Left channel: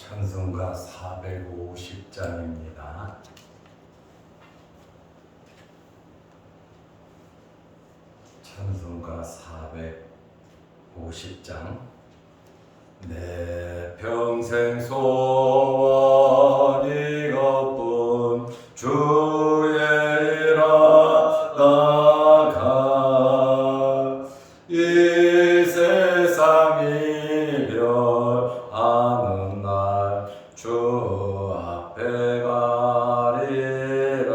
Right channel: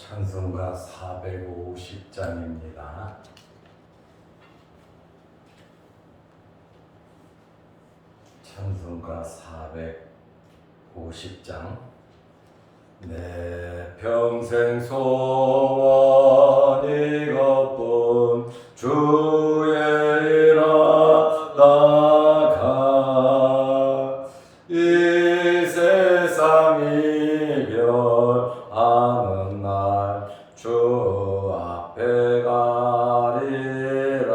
찬송가 450장입니다. 찬송가 450장. 내 평생 소원 이것뿐 주의 일 하다가 이 세상 이별하는 날 주 앞에 가리라.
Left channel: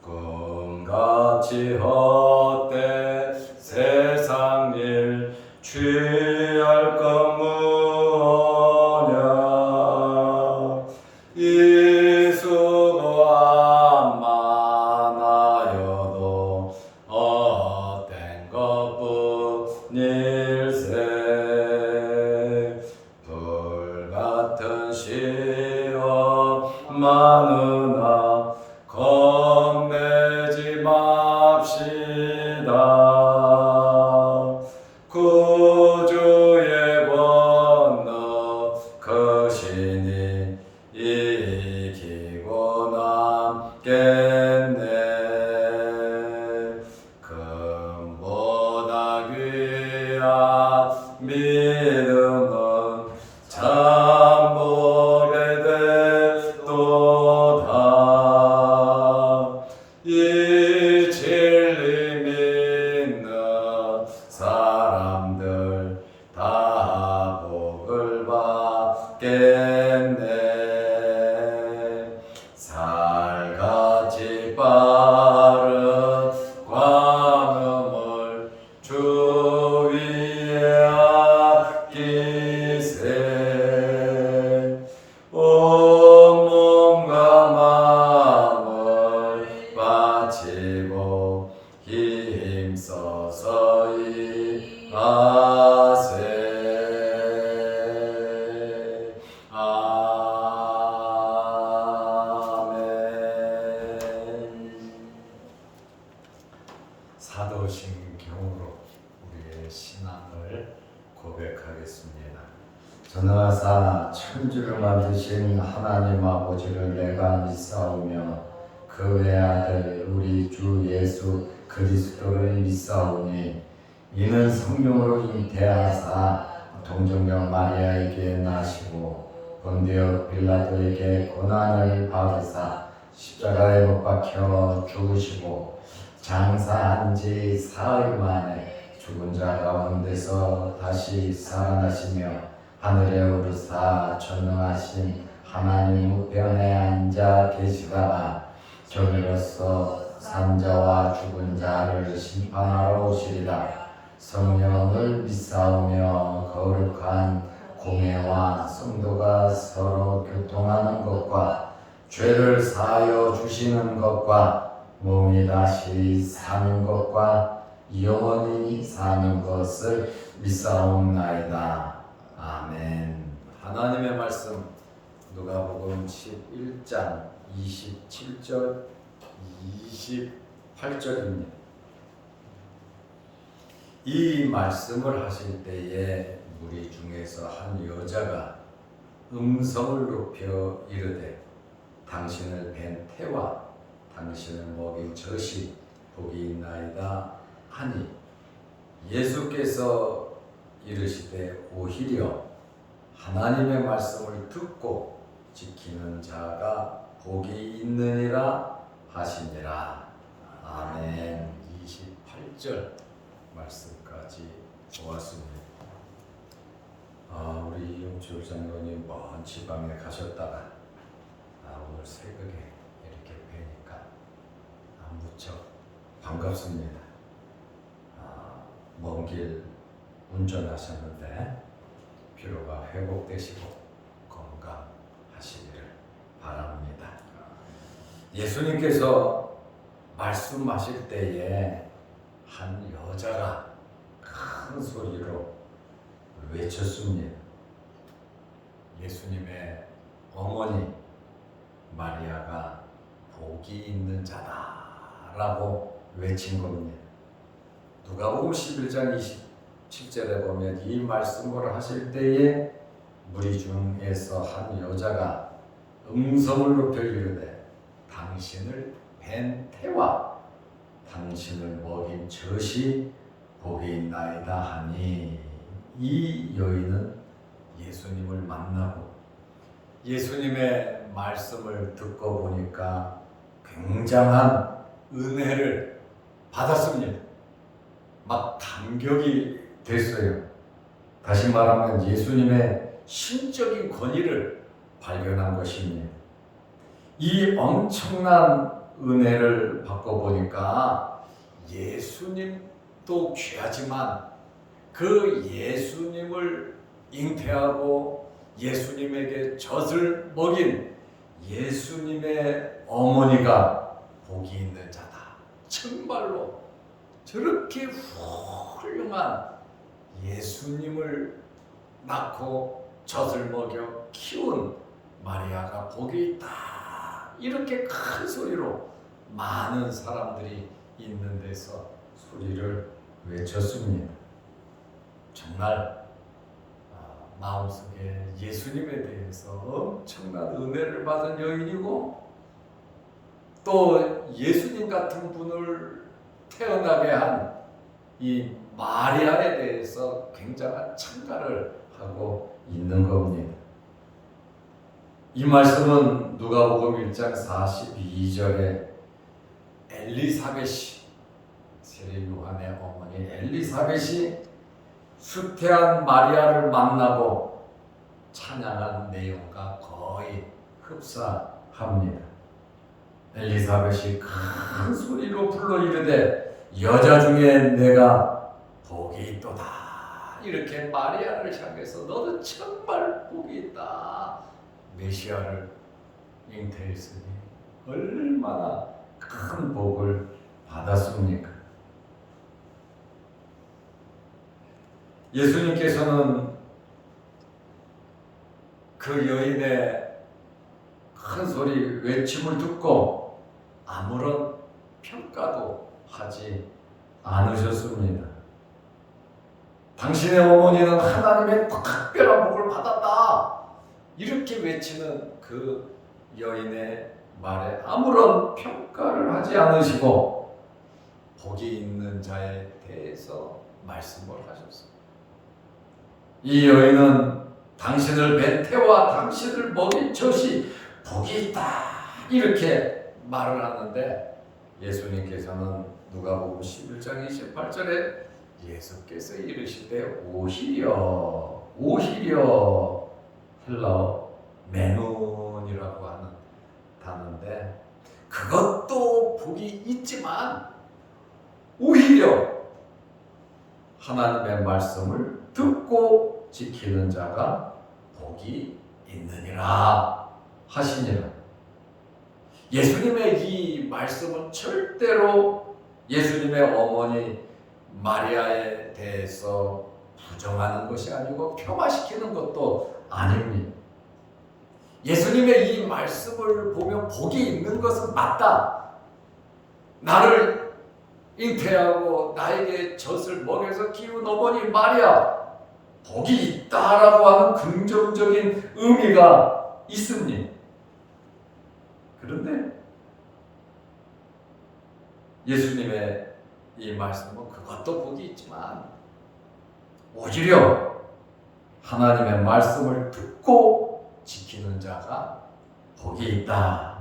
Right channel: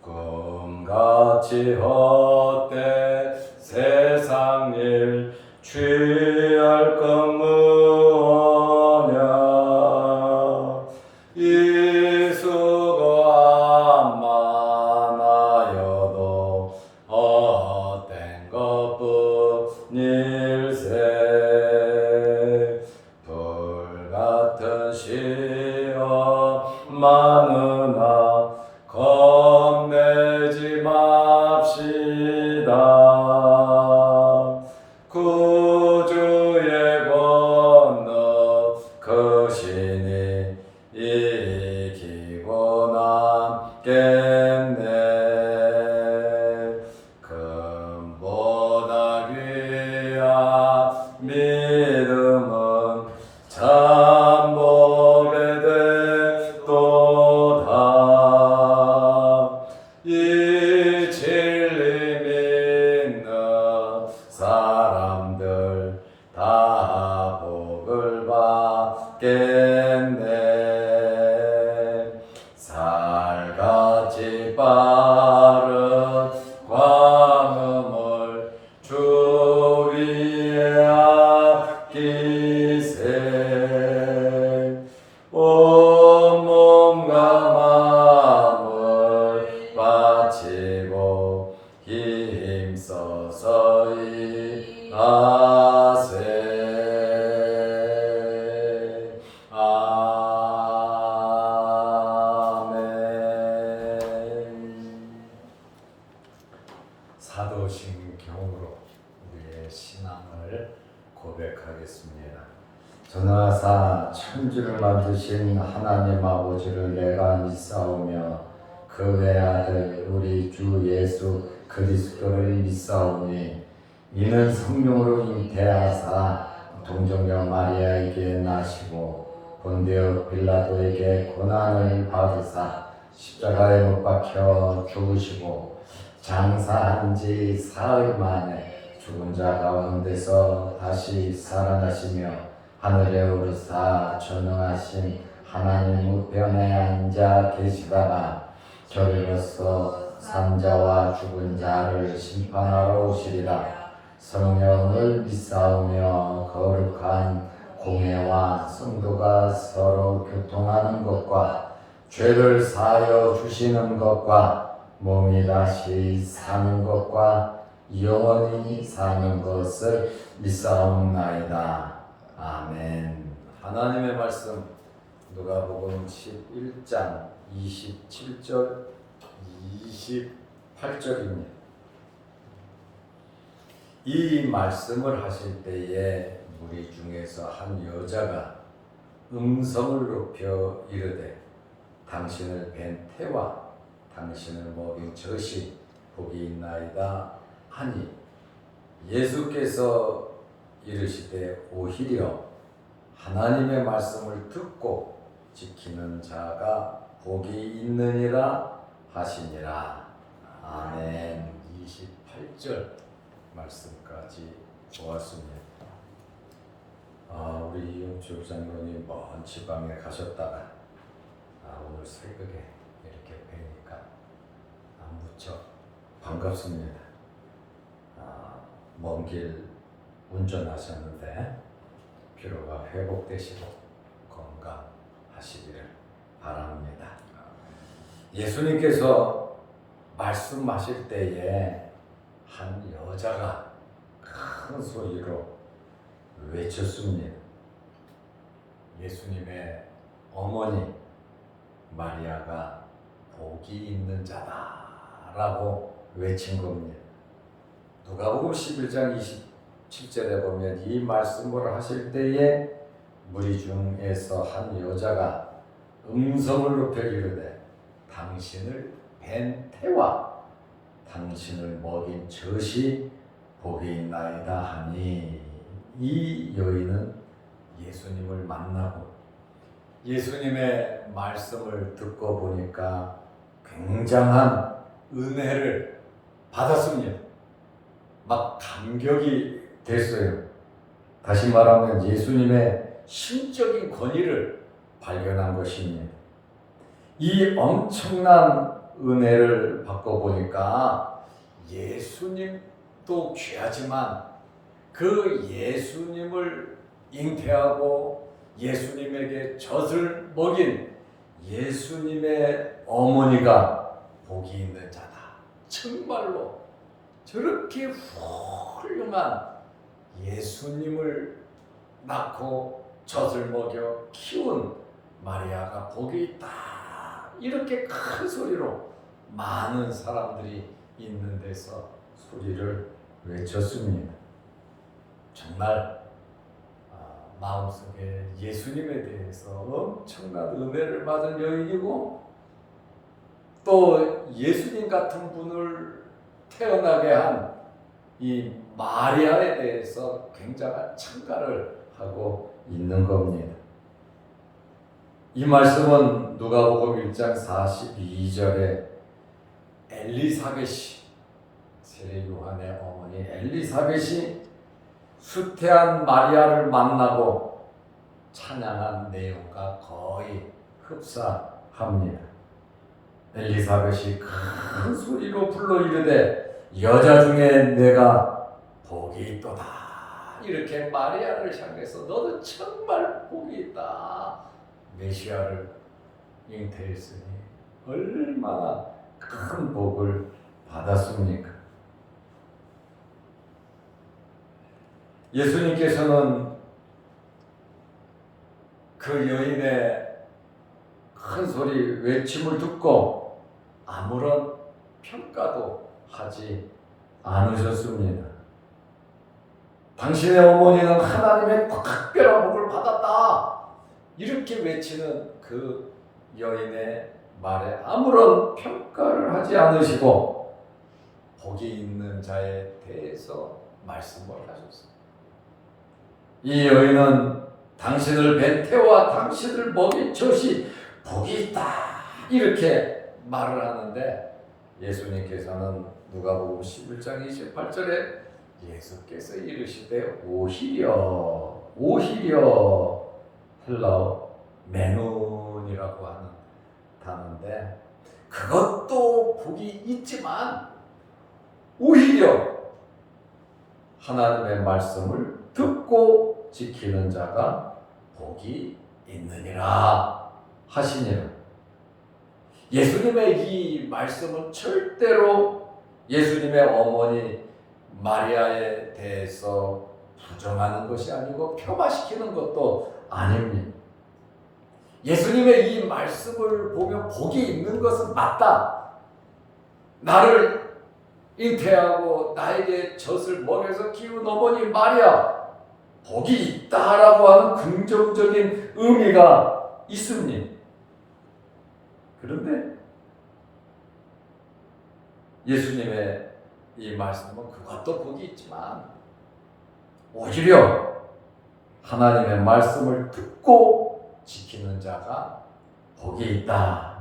꿈같이 헛된 세상 일 취할 것 무엇냐. 이 수고함 많아여도 헛된 것뿐일세. 불같은 시험 많으나 겁내지 맙시다. 구주의 권능 크시니 이기고 남겠네. 금보다 귀한 믿음은 참복에 됐도다. 이 진리 믿는 사람들 다 복을 받겠네. 살같이 빠른 광음을 주 위에 아끼세. 온 몸과 마음을 바치고 힘써서 일하세. 아멘. 사도신경으로 우리의 신앙을 고백하겠습니다. 전하사 천주를 만드신 하나님 아버지를 내가 믿사오며 그 외아들 우리 주 예수 그리스도를 믿사오니 이는 성령으로 잉태하사 동정녀 마리아에게 나시고 본디오 빌라도에게 고난을 받으사 십자가에 못 박혀 죽으시고 장사한 지 사흘 만에 죽은 자 가운데서 다시 살아나시며 하늘에 오르사 전능하신 하나님 우편에 앉아 계시다가 저리로서 산자와 죽은 자를 심판하러 오시리라. 성령을 믿사오며 거룩한 공회와 성도가 서로 교통하는 것과 죄를 사하여 주시는 것과 몸이 다시 사는 것과 영원히 사는 것을 믿사옵나이다. 아멘. 하나님의 말씀 누가복음 11장 27절 28절입니다. 이 말씀을 하실 때에 무리 중에서 한 여자가 음성을 높여 이르되 당신을 뵌 태와 당신을 먹인 젖이 복이 있나이다 하니 예수께서 이르시되 오히려 하나님의 말씀을 듣고 지키는 자가 복이 있느니라 하시니라. 아멘. 28절 말씀까지 보았습니다. 우리 이영철 장로님 먼 지방에 가셨다가 오늘 새벽에 이렇게 뵈니까 무척 반갑습니다. 먼 길 운전하셨는데 피로가 회복되시고 건강하시기를 바랍니다. 예수님께서 말씀하실 때에 한 여자가 큰 소리로 외쳤습니다. 예수님의 어머니 마리아가 복이 있는 자다라고 외친 겁니다. 누가복음 11장 27절에 보면 이 말씀을 하실 때에 무리 중에서 한 여자가 음성을 높여 이르되 당신을 뵌 태와 당신을 먹인 젖이 복이 있나이다 하니, 이 여인은 예수님을 만나고 예수님의 말씀을 듣고 보니까 굉장한 은혜를 받았습니다. 막 감격이 됐어요. 다시 말하면 예수님의 신적인 권위를 발견한 것입니다. 이 엄청난 은혜를 받고 보니까 예수님도 귀하지만 그 예수님을 잉태하고 예수님에게 젖을 먹인 예수님의 어머니가 복이 있는 자다. 정말로 저렇게 훌륭한 예수님을 낳고 젖을 먹여 키운 마리아가 복이 있다. 이렇게 큰 소리로 많은 사람들이 있는 데서 소리를 외쳤습니다. 정말 마음속에 예수님에 대해서 엄청난 은혜를 받은 여인이고, 또 예수님 같은 분을 태어나게 한 이 마리아에 대해서 굉장한 찬가를 하고 있는 겁니다. 이 말씀은 누가복음 1장 42절에 엘리사벳이, 세례 요한의 어머니 엘리사벳이 수태한 마리아를 만나고 찬양한 내용과 거의 흡사합니다. 엘리사벳이 큰 소리로 불러 이르되 여자 중에 내가 복이 있도다. 이렇게 마리아를 향해서 너도 정말 복이 있다. 메시아를 잉태했으니 얼마나 큰 복을 받았습니까? 예수님께서는 그 여인의 큰 소리 외침을 듣고 아무런 평가도 하지 않으셨습니다. 당신의 어머니는 하나님의 특별한 복을 받았다. 이렇게 외치는 그 여인의 말에 아무런 평가를 하지 않으시고 복이 있는 자에 대해서 말씀을 하셨습니다. 이 여인은 당신을 뵌 태와 당신을 먹인 젖이 복이 있다. 이렇게 말을 하는데, 예수님께서는 누가복음 11장 28절에 예수께서 이르시되 오히려 헬라어 메논이라고 하는 단어인데, 그것도 복이 있지만 오히려 하나님의 말씀을 듣고 지키는 자가 복이 있느니라 하시니라. 예수님의 이 말씀은 절대로 예수님의 어머니 마리아에 대해서 부정하는 것이 아니고 폄하시키는 것도 아닙니다. 예수님의 이 말씀을 보면 복이 있는 것은 맞다. 나를 잉태하고 나에게 젖을 먹여서 키운 어머니 마리아, 복이 있다라고 하는 긍정적인 의미가 있습니다. 그런데 예수님의 이 말씀은 그것도 복이 있지만 오히려 하나님의 말씀을 듣고 지키는 자가 복이 있다.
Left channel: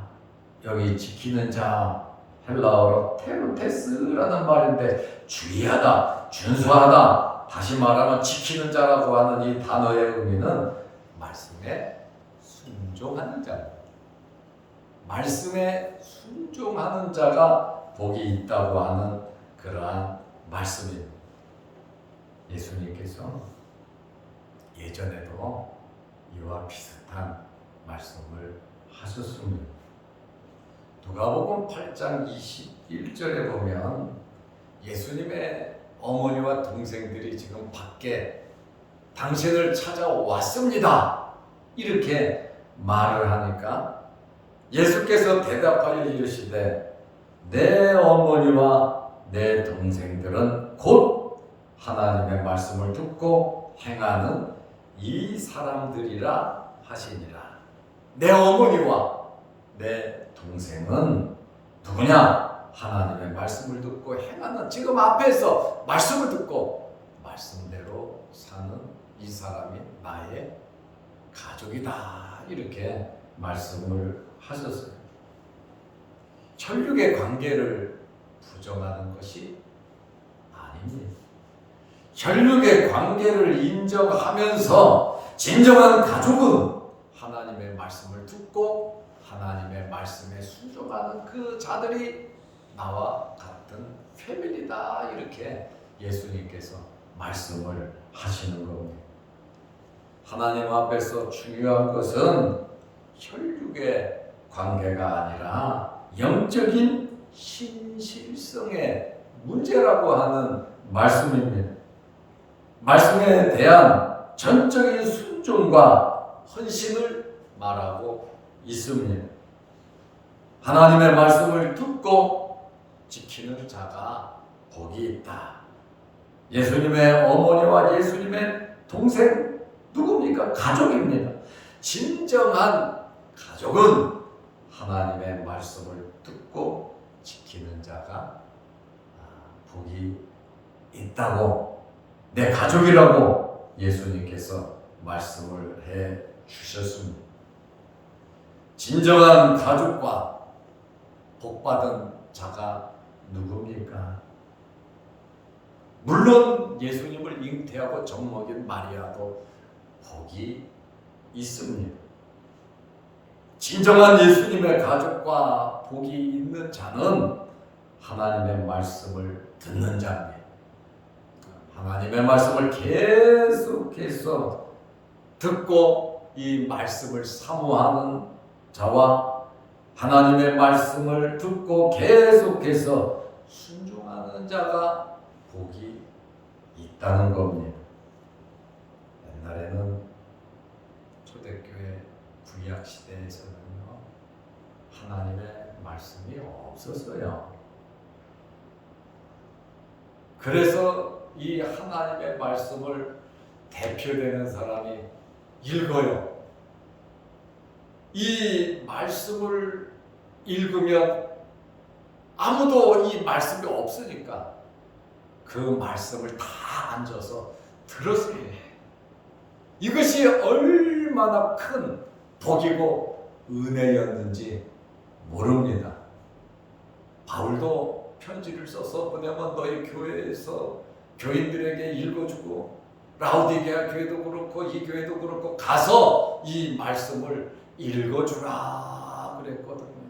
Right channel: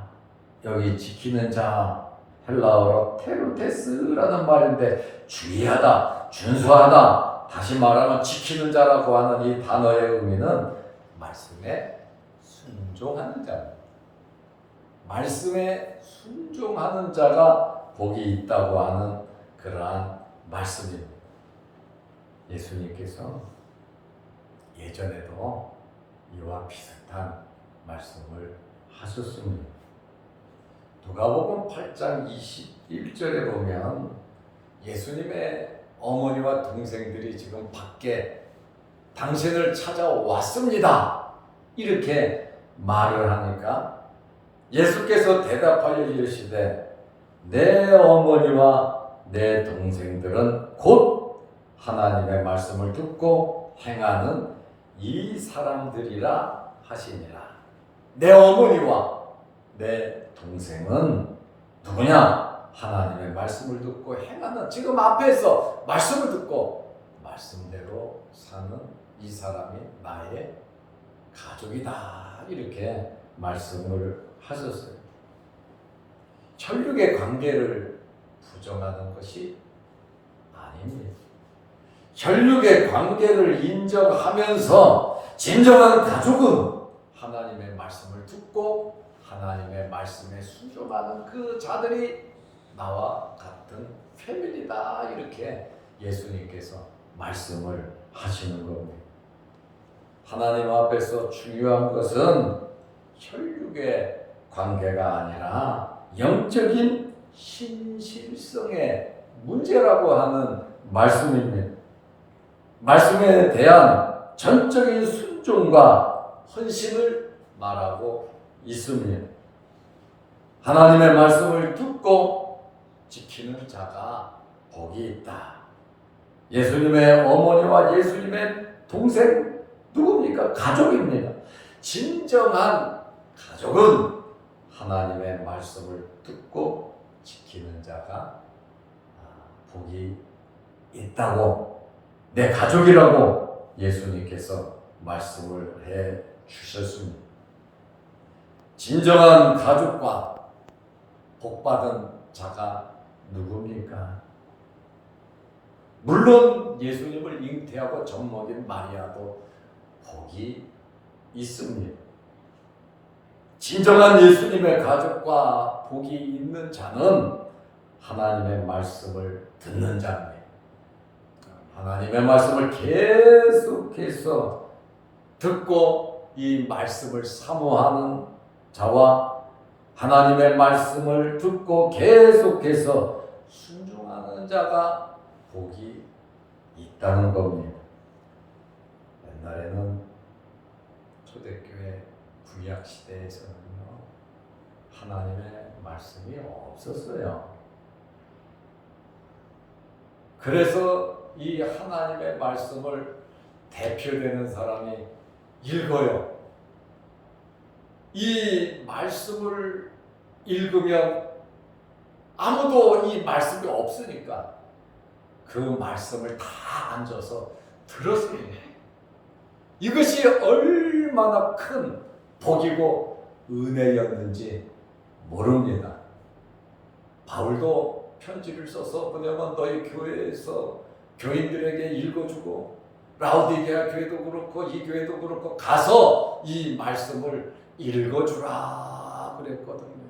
여기 지키는 자 헬라어로 테르테스라는 말인데, 주의하다, 준수하다, 다시 말하면 지키는 자라고 하는 이 단어의 의미는 말씀에 순종하는 자입니다. 말씀에 순종하는 자가 복이 있다고 하는 그러한 말씀입니다. 예수님께서 예전에도 이와 비슷한 말씀을 하셨습니다. 누가복음 8장 21절에 보면 예수님의 어머니와 동생들이 지금 밖에 당신을 찾아왔습니다. 이렇게 말을 하니까 예수께서 대답하여 이르시되 내 어머니와 내 동생들은 곧 하나님의 말씀을 듣고 행하는 이 사람들이라 하시니라. 내 어머니와 내 동생은 누구냐? 하나님의 말씀을 듣고 행하는, 지금 앞에서 말씀을 듣고 말씀대로 사는 이 사람이 나의 가족이다, 이렇게 말씀을 하셨어요. 혈육의 관계를 부정하는 것이 아닙니다. 혈육의 관계를 인정하면서 진정한 가족은 하나님의 말씀을 듣고 하나님의 말씀에 순종하는 그 자들이 나와 같은 패밀리다, 이렇게 예수님께서 말씀을 하시는 겁니다. 하나님 앞에서 중요한 것은 혈육의 관계가 아니라 영적인 신실성의 문제라고 하는 말씀입니다. 말씀에 대한 전적인 순종과 헌신을 말하고 있습니다. 하나님의 말씀을 듣고 지키는 자가 복이 있다. 예수님의 어머니와 예수님의 동생 누굽니까? 가족입니다. 진정한 가족은 하나님의 말씀을 듣고 지키는 자가 복이 있다고, 내 가족이라고 예수님께서 말씀을 해 주셨습니다. 진정한 가족과 복받은 자가 누굽니까? 물론 예수님을 잉태하고 젖먹인 마리아도 복이 있습니다. 진정한 예수님의 가족과 복이 있는 자는 하나님의 말씀을 듣는 자입니다. 하나님의 말씀을 계속해서 듣고 이 말씀을 사모하는 자와 하나님의 말씀을 듣고 계속해서 순종하는 자가 복이 있다는 겁니다. 옛날에는 초대교회 구약 시대에서는요, 하나님의 말씀이 없었어요. 그래서 이 하나님의 말씀을 대표되는 사람이 읽어요. 이 말씀을 읽으면 아무도 이 말씀이 없으니까 그 말씀을 다 앉아서 들었습니다. 이것이 얼마나 큰 복이고 은혜였는지 모릅니다. 바울도 편지를 써서 보내면 너희 교회에서 교인들에게 읽어주고, 라우디게아 교회도 그렇고 이 교회도 그렇고 가서 이 말씀을 읽어주라 그랬거든요.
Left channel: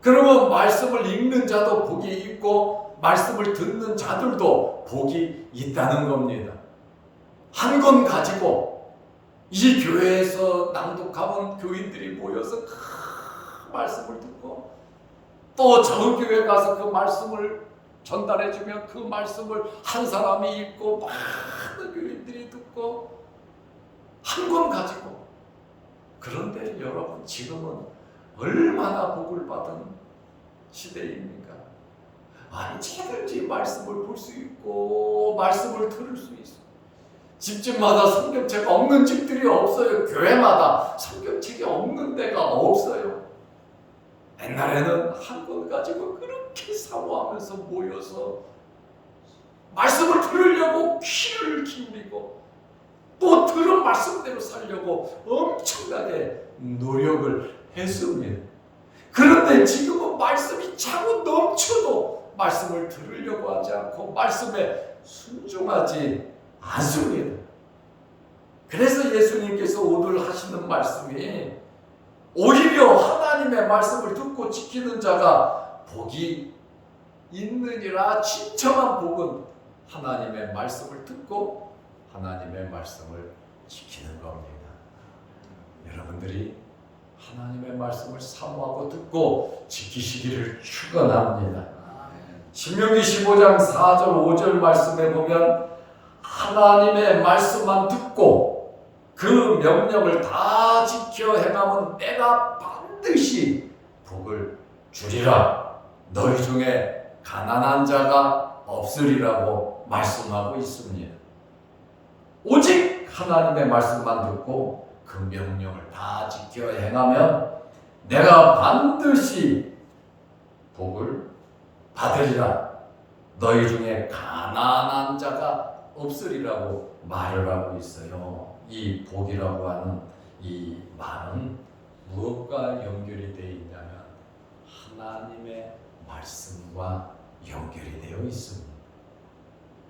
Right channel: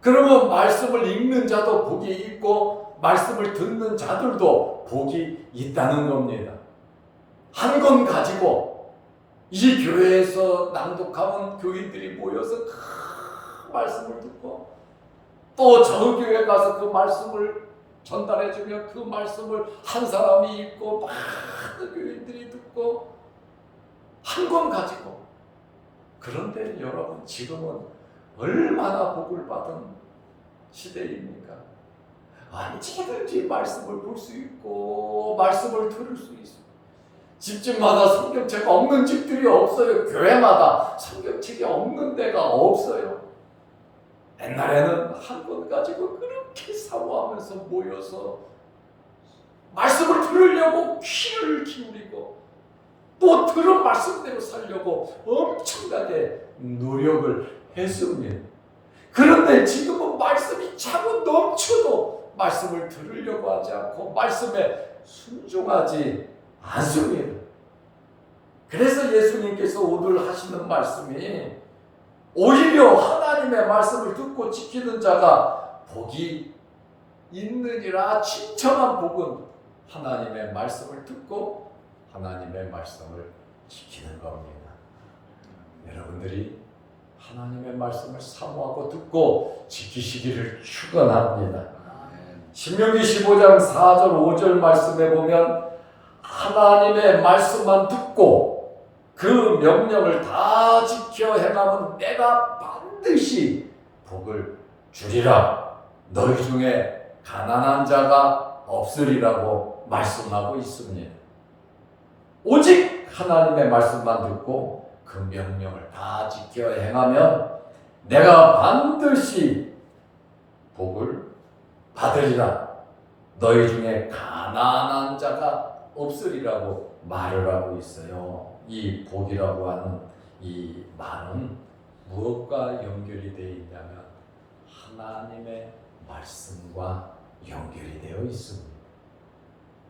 그러면 말씀을 읽는 자도 복이 있고 말씀을 듣는 자들도 복이 있다는 겁니다. 한 권 가지고 이 교회에서 낭독하면 교인들이 모여서 그 말씀을 듣고, 또 저 교회 가서 그 말씀을 전달해주면 그 말씀을 한 사람이 읽고 많은 교인들이 듣고, 한 권 가지고. 그런데 여러분, 지금은 얼마나 복을 받은 시대입니까? 언제든지 말씀을 볼 수 있고 말씀을 들을 수 있어요. 집집마다 성경책 없는 집들이 없어요. 교회마다 성경책이 없는 데가 없어요. 옛날에는 한 권 가지고 그렇게 사모하면서 모여서 말씀을 들으려고 귀를 기울이고 또 들은 말씀대로 살려고 엄청나게 노력을 했습니다. 그런데 지금은 말씀이 차고 넘쳐도 말씀을 들으려고 하지 않고 말씀에 순종하지 않습니다. 그래서 예수님께서 오늘 하시는 말씀이 오히려 하나님의 말씀을 듣고 지키는 자가 복이 있느니라. 진정한 복은 하나님의 말씀을 듣고 하나님의 말씀을 지키는 겁니다. 여러분들이 하나님의 말씀을 사모하고 듣고 지키시기를 축원합니다. 신명기 15장 4절 5절 말씀에 보면 하나님의 말씀만 듣고 그 명령을 다 지켜 행하면 내가 반드시 복을 주리라. 너희 중에 가난한 자가 없으리라고 말씀하고 있습니다. 오직 하나님의 말씀만 듣고 그 명령을 다 지켜 행하면 내가 반드시 복을 받으리라. 너희 중에 가난한 자가 없으리라고 말을 하고 있어요. 이 복이라고 하는 이 말은 무엇과 연결이 되어 있냐면 하나님의 말씀과 연결이 되어 있습니다.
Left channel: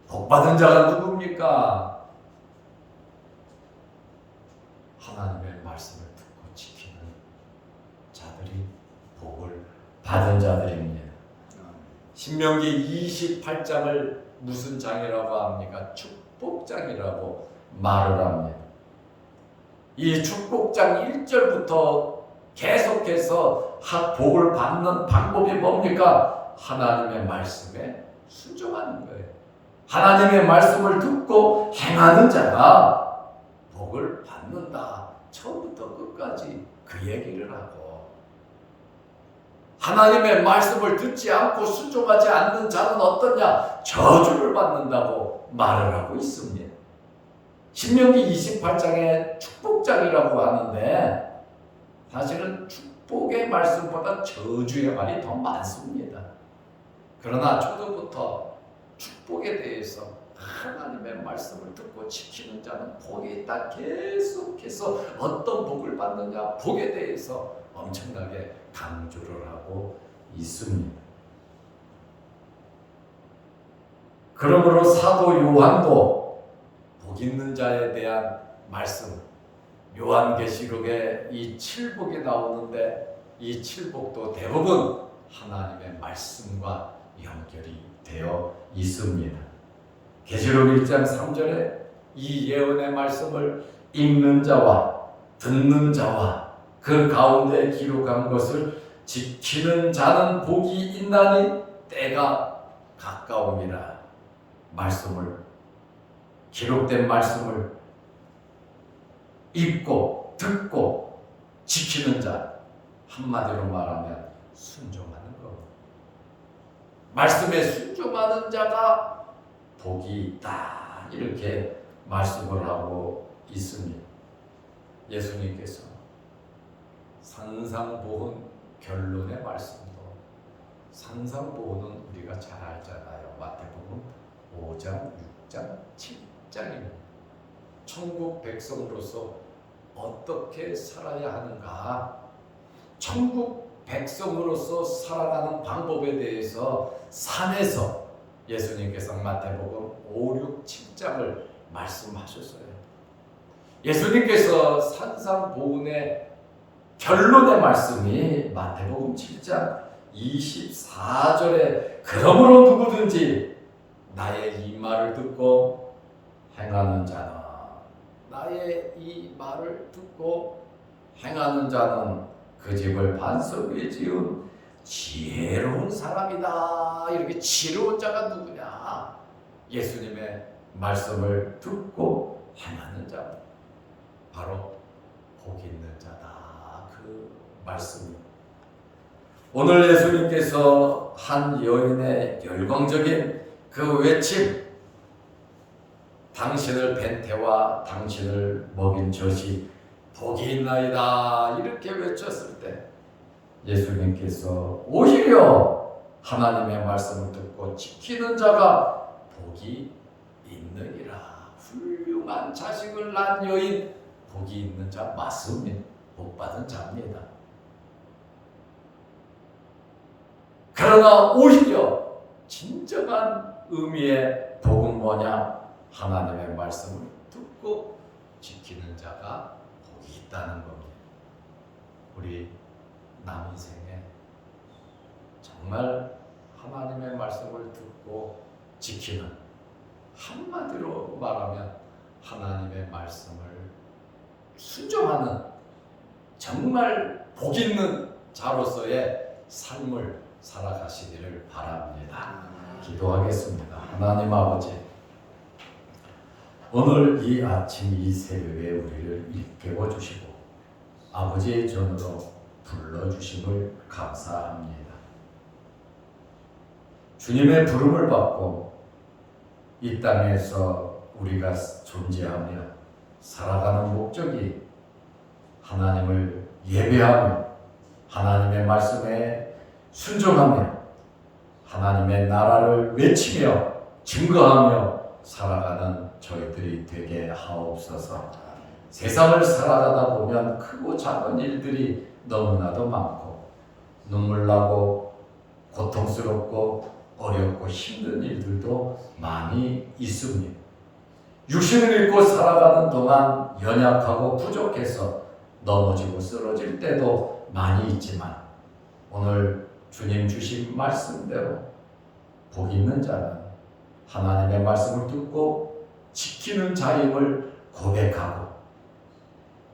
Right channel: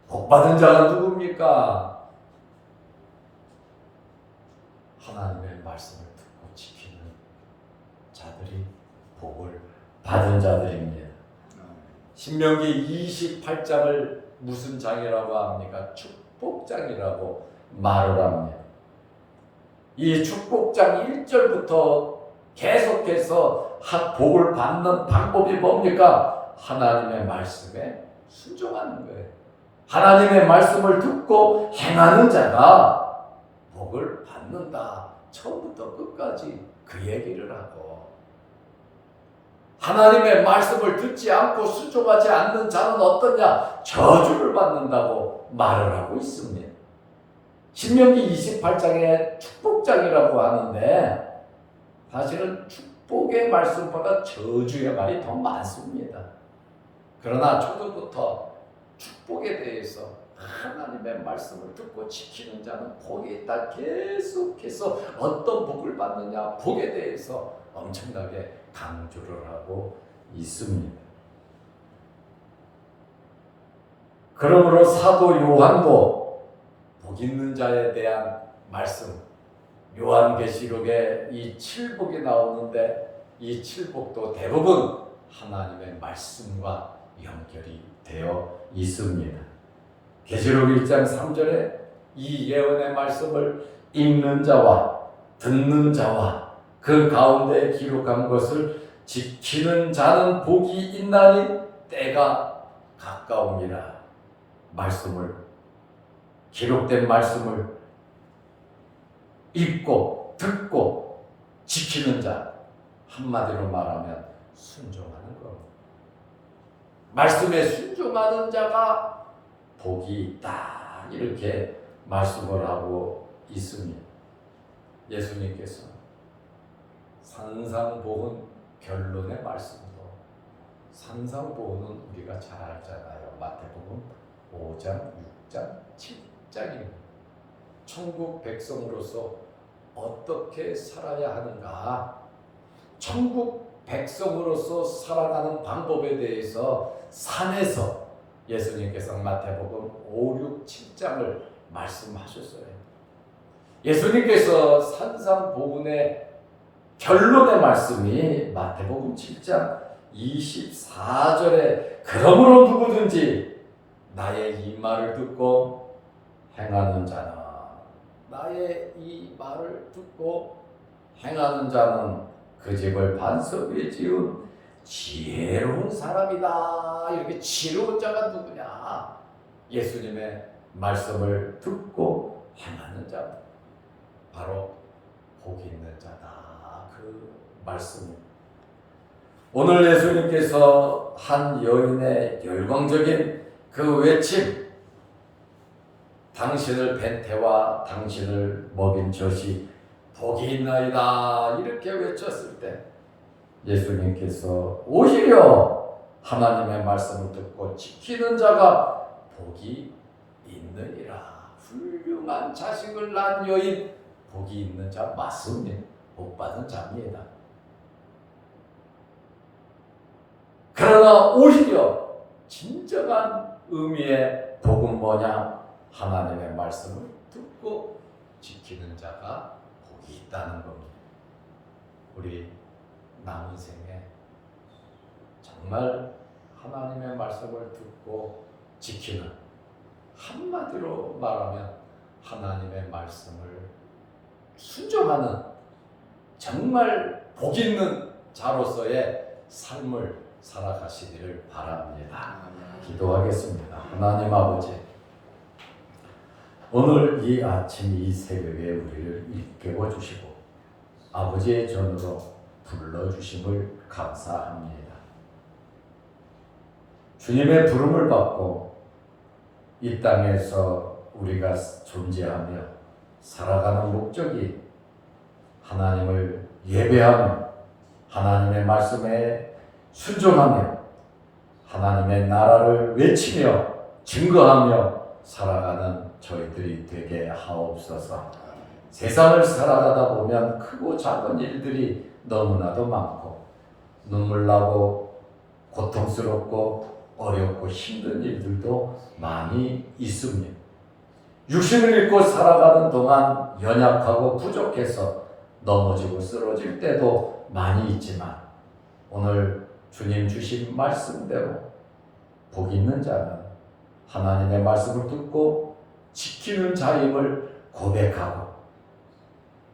복받은 자가 누굽니까? 하나님의 말씀을 듣고 지키는 자들이 복을 받은 자들입니다. 신명기 28장을 무슨 장이라고 합니까? 축복장이라고 말을 합니다. 이 축복장 1절부터 계속해서 복을 받는 방법이 뭡니까? 하나님의 말씀에 순종하는 거예요. 하나님의 말씀을 듣고 행하는 자가 복을 받는다. 처음부터 끝까지 그 얘기를 하고, 하나님의 말씀을 듣지 않고 순종하지 않는 자는 어떠냐? 저주를 받는다고 말을 하고 있습니다. 신명기 28장에 축복장이라고 하는데 사실은 축복의 말씀보다 저주의 말이 더 많습니다. 그러나 초도부터 축복에 대해서 하나님의 말씀을 듣고 지키는 자는 복이 있다. 계속해서 어떤 복을 받느냐, 복에 대해서 엄청나게 강조를 하고 있습니다. 그러므로 사도 요한도 복 있는 자에 대한 말씀, 요한계시록에 이 칠복이 나오는데 이 칠복도 대부분 하나님의 말씀과 연결이 되어 있습니다. 계시록 1장 3절에 이 예언의 말씀을 읽는 자와 듣는 자와 그 가운데 기록한 것을 지키는 자는 복이 있나니 때가 가까움이라. 말씀을, 기록된 말씀을 읽고 듣고 지키는 자, 한마디로 말하면 순종하는 겁니다. 말씀에 순종하는 자가 복이 있다. 이렇게 말씀을 하고 있습니다. 예수님께서 산상보훈 결론의 말씀도, 산상보훈은 우리가 잘 알잖아요. 마태복음 5장, 6장, 7장입니다. 천국 백성으로서 어떻게 살아야 하는가? 천국 백성으로서 살아가는 방법에 대해서 산에서 예수님께서 마태복음 5, 6, 7장을 말씀하셨어요. 예수님께서 산상보훈의 결론의 말씀이 마태복음 7장 24절에 그러므로 누구든지 나의 이 말을 듣고 행하는 자는, 나의 이 말을 듣고 행하는 자는 그 집을 반석 위에 지은 지혜로운 사람이다. 이렇게 지혜로운 자가 누구냐? 예수님의 말씀을 듣고 행하는 자, 바로 복 있는 자다. 그 말씀. 오늘 예수님께서 한 여인의 열광적인 그 외침, 당신을 뵌 태와 당신을 먹인 젖이 복이 있나이다. 이렇게 외쳤을 때 예수님께서 오히려 하나님의 말씀을 듣고 지키는 자가 복이 있느니라. 훌륭한 자식을 낳은 여인, 복이 있는 자 맞습니다. 복받은 자입니다. 그러나 오히려 진정한 의미의 복은 뭐냐? 하나님의 말씀을 듣고 지키는 자가 복이 있다는 겁니다. 우리 남은 생에 정말 하나님의 말씀을 듣고 지키는, 한마디로 말하면 하나님의 말씀을 순종하는 정말 복 있는 자로서의 삶을 살아가시기를 바랍니다. 기도하겠습니다. 하나님 아버지, 오늘 이 아침 이 새벽에 우리를 일깨워 주시고 아버지의 전으로 불러주심을 감사합니다. 주님의 부름을 받고 이 땅에서 우리가 존재하며 살아가는 목적이 하나님을 예배하며 하나님의 말씀에 순종하며 하나님의 나라를 외치며 증거하며 살아가는 저희들이 되게 하옵소서. 세상을 살아가다 보면 크고 작은 일들이 너무나도 많고 눈물나고 고통스럽고 어렵고 힘든 일들도 많이 있습니다. 육신을 입고 살아가는 동안 연약하고 부족해서 넘어지고 쓰러질 때도 많이 있지만 오늘 주님 주신 말씀대로 복 있는 자는 하나님의 말씀을 듣고 지키는 자임을 고백하고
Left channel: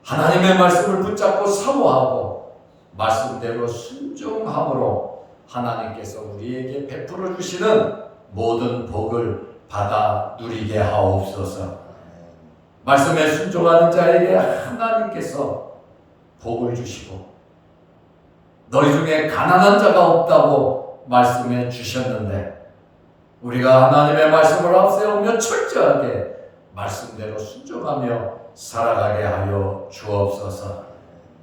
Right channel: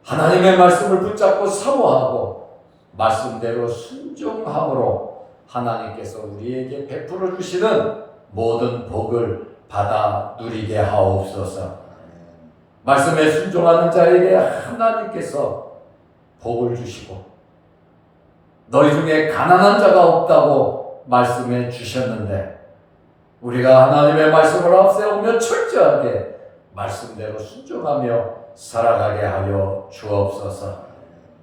하나님의 말씀을 붙잡고 사모하고 말씀대로 순종함으로 하나님께서 우리에게 베풀어 주시는 모든 복을 받아 누리게 하옵소서. 말씀에 순종하는 자에게 하나님께서 복을 주시고 너희 중에 가난한 자가 없다고 말씀해 주셨는데 우리가 하나님의 말씀을 앞세우며 철저하게 말씀대로 순종하며 살아가게 하여 주옵소서.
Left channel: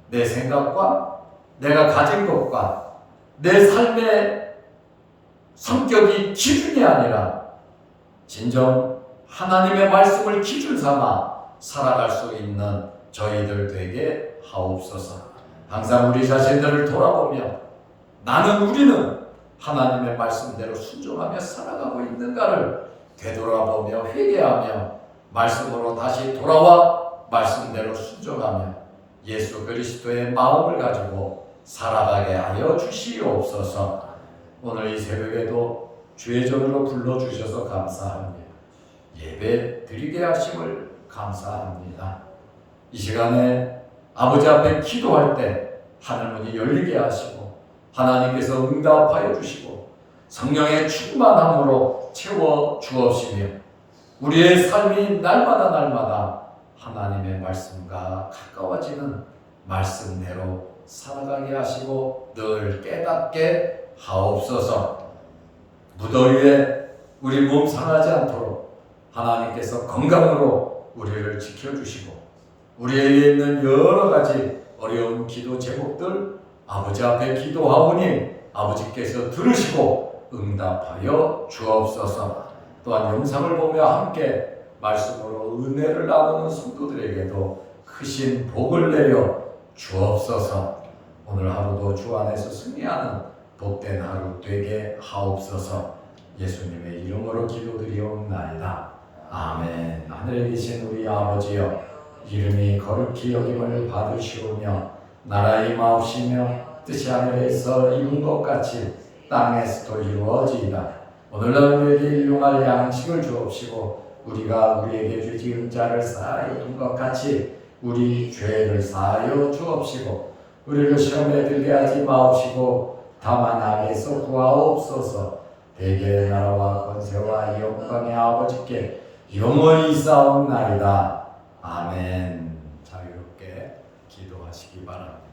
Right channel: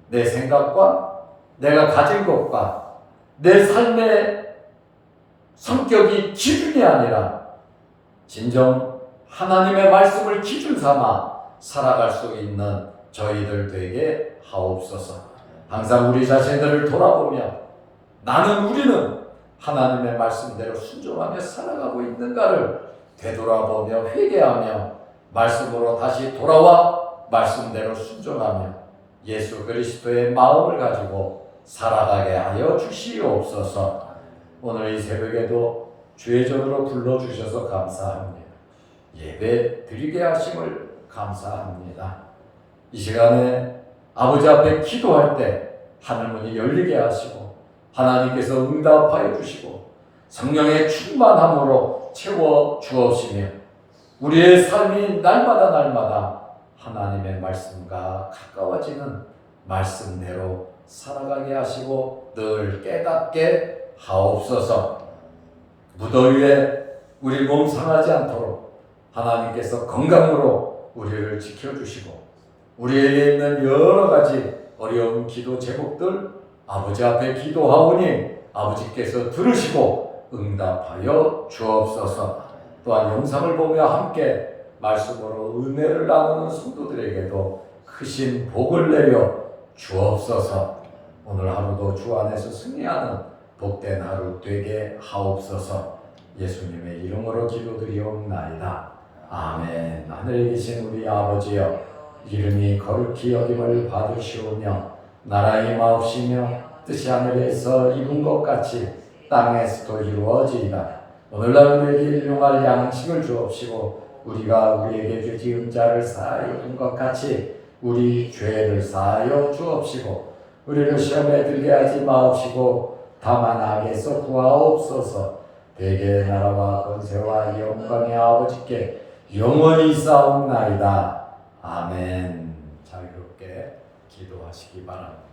내 생각과 내가 가진 것과 내 삶의 성격이 기준이 아니라 진정 하나님의 말씀을 기준 삼아 살아갈 수 있는 저희들 되게 하옵소서. 항상 우리 자신들을 돌아보며 우리는 하나님의 말씀대로 순종하며 살아가고 있는가를 되돌아보며 회개하며 말씀으로 다시 돌아와 말씀대로 순종하며 예수 그리스도의 마음을 가지고 살아가게 하여 주시옵소서. 오늘 이 새벽에도 주의 전으로 불러주셔서 감사합니다. 예배 드리게 하심을 감사합니다. 이 시간에 아버지 앞에 기도할 때 하늘문이 열리게 하시고 하나님께서 응답하여 주시고 성령의 충만함으로 채워 주옵시며 우리의 삶이 날마다 하나님의 말씀과 가까워지는 말씀대로 살아가게 하시고 늘 깨닫게 하옵소서. 무더위에 우리 몸 상하지 않도록 하나님께서 건강으로 우리를 지켜주시고 우리에게 있는 여러 가지 어려운 기도 제목들 아버지 앞에 기도하오니 아버지께서 들으시고 응답하여 주옵소서. 또한 영상을 보며 함께 말씀으로 은혜를 나누는 성도들에게도 크신 복을 내려 주옵소서. 오늘 하루도 주 안에서 승리하는 복된 하루 되게 하옵소서. 예수님의 이름으로 기도드리옵나이다. 아멘. 하늘에 계신 우리 아버지여, 이름이 거룩히 여김을 받으시오며 나라의 마옵시며 뜻이 하늘에서 이룬 것 같이 땅에서도 이루어지이다. 오늘날 우리에게 일용할 양식을 주옵시고 우리가 우리에게 죄 지은 자를 사하여 준 것 같이 우리 죄를 사하여 주옵시고 우리를 시험에 들게 하지 마옵시고 다만 악에서 구하옵소서. 대개의 나라와 권세와 영광의 아버지께 영원히 싸움나이다. 아멘. 자유롭게 기도하시기 바랍니다.